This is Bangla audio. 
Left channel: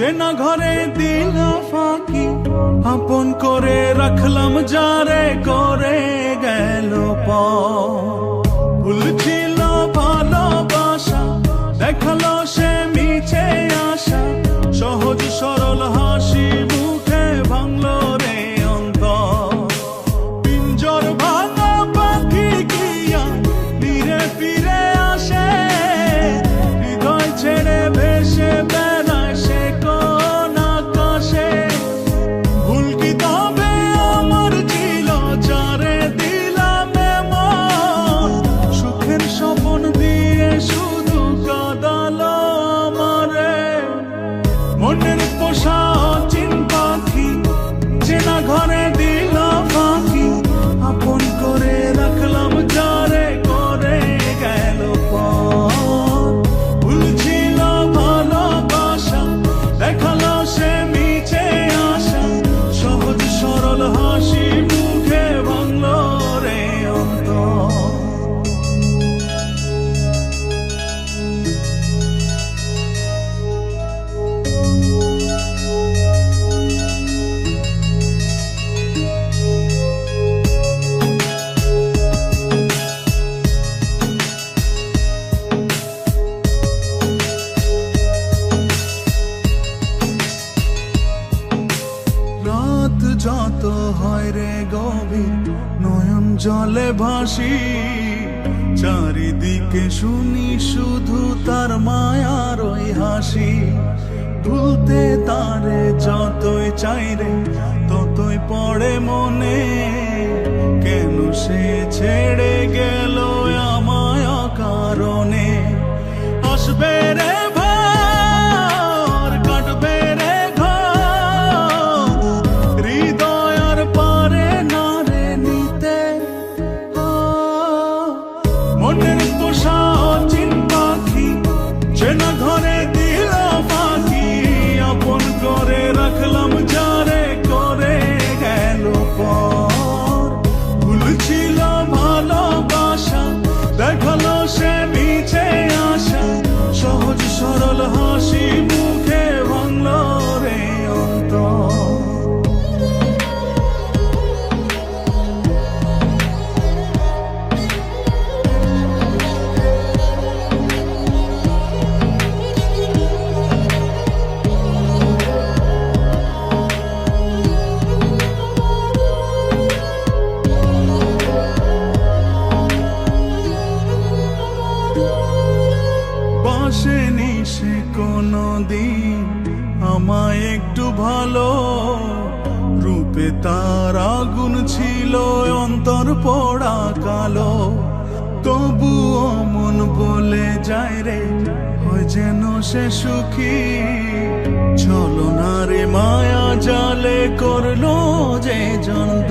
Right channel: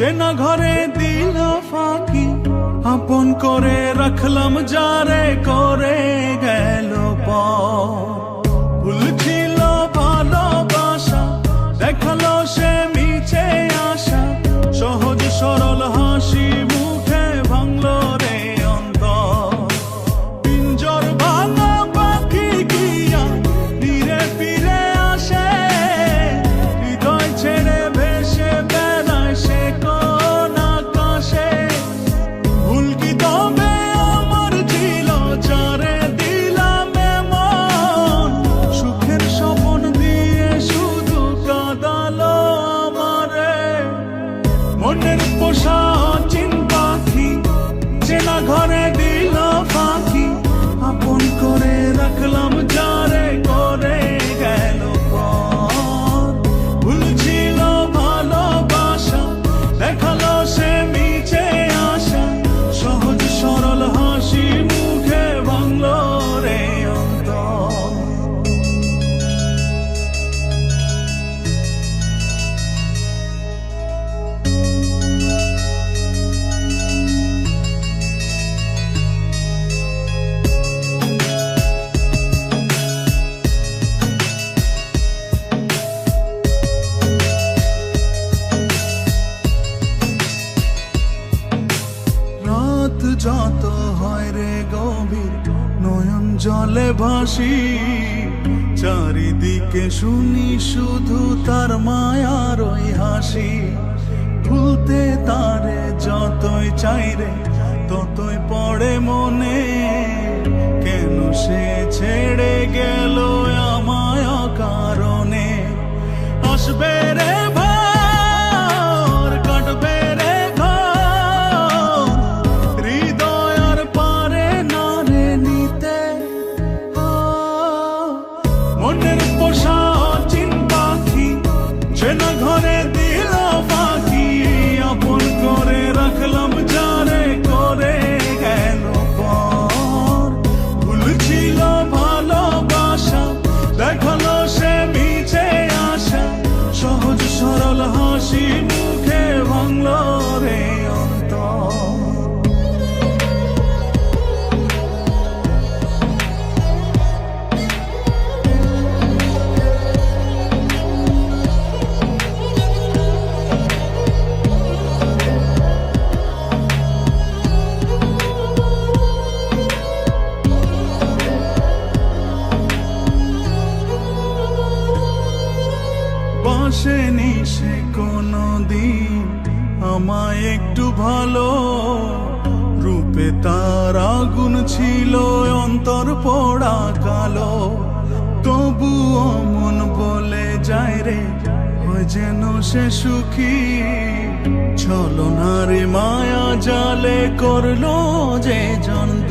চেনা ঘরে দিল ফাঁকি, আপন করে রাখলাম যারে করে গেল ভুল ছিল ভালোবাসা, দেখালো সে মিছে আশা, সহজ সরল হাসি মুখে ভাঙলো রে অন্তর। পিঞ্জর ভাঙা পাখি কিয়া ফিরে ফিরে আসে, হৃদয় ছেড়ে ভেসে বেড়ায় সে কোন আকাশে। ভুল কি তবে আমার ছিল যারে দিলাম এমন, সুখের স্বপ্ন দিয়ে শুধু কাঁদালো আমারে। মনের পোষা চিন্তা কি চেনা ঘরে দিল ফাঁকি, আপন করে রাখলাম যারে করে গেল ভুল ছিল ভালোবাসা, দেখালো সে মিছে আশা, সহজ সরল হাসি মুখে ভাঙলো রে অন্তর। রাত যত হয় রে গভীর, নয়ন জলে ভাসি, চারিদিকে শুনি শুধু তার মায়ার ওই হাসি। ভুলতে তারে যতই চাই রে ততই পড়ে মনে, কেন সে ছেড়ে গেল আমায় কারণে। আসবে রে ঘর, কাটবে রে ঘর, হৃদয়ের পরে নারে নিতে। মনের পোষা চিন্তা কি চেনা ঘরে দিল ফাঁকি, আপন করে রাখলাম যারে করে গেল ভুল ছিল ভালোবাসা, দেখালো সে মিছে আশা, সহজ সরল হাসি মুখে ভাঙলো রে অন্তর। বাসেনি সে কোনদিন আমায় একটু ভালো, রূপে তার আগুন ছিল অন্তর পোড়া কালো। তবুও মন বলে যায় রে হয় যেন সে সুখী, ছলনারে মায়া জালে করলো যে জানত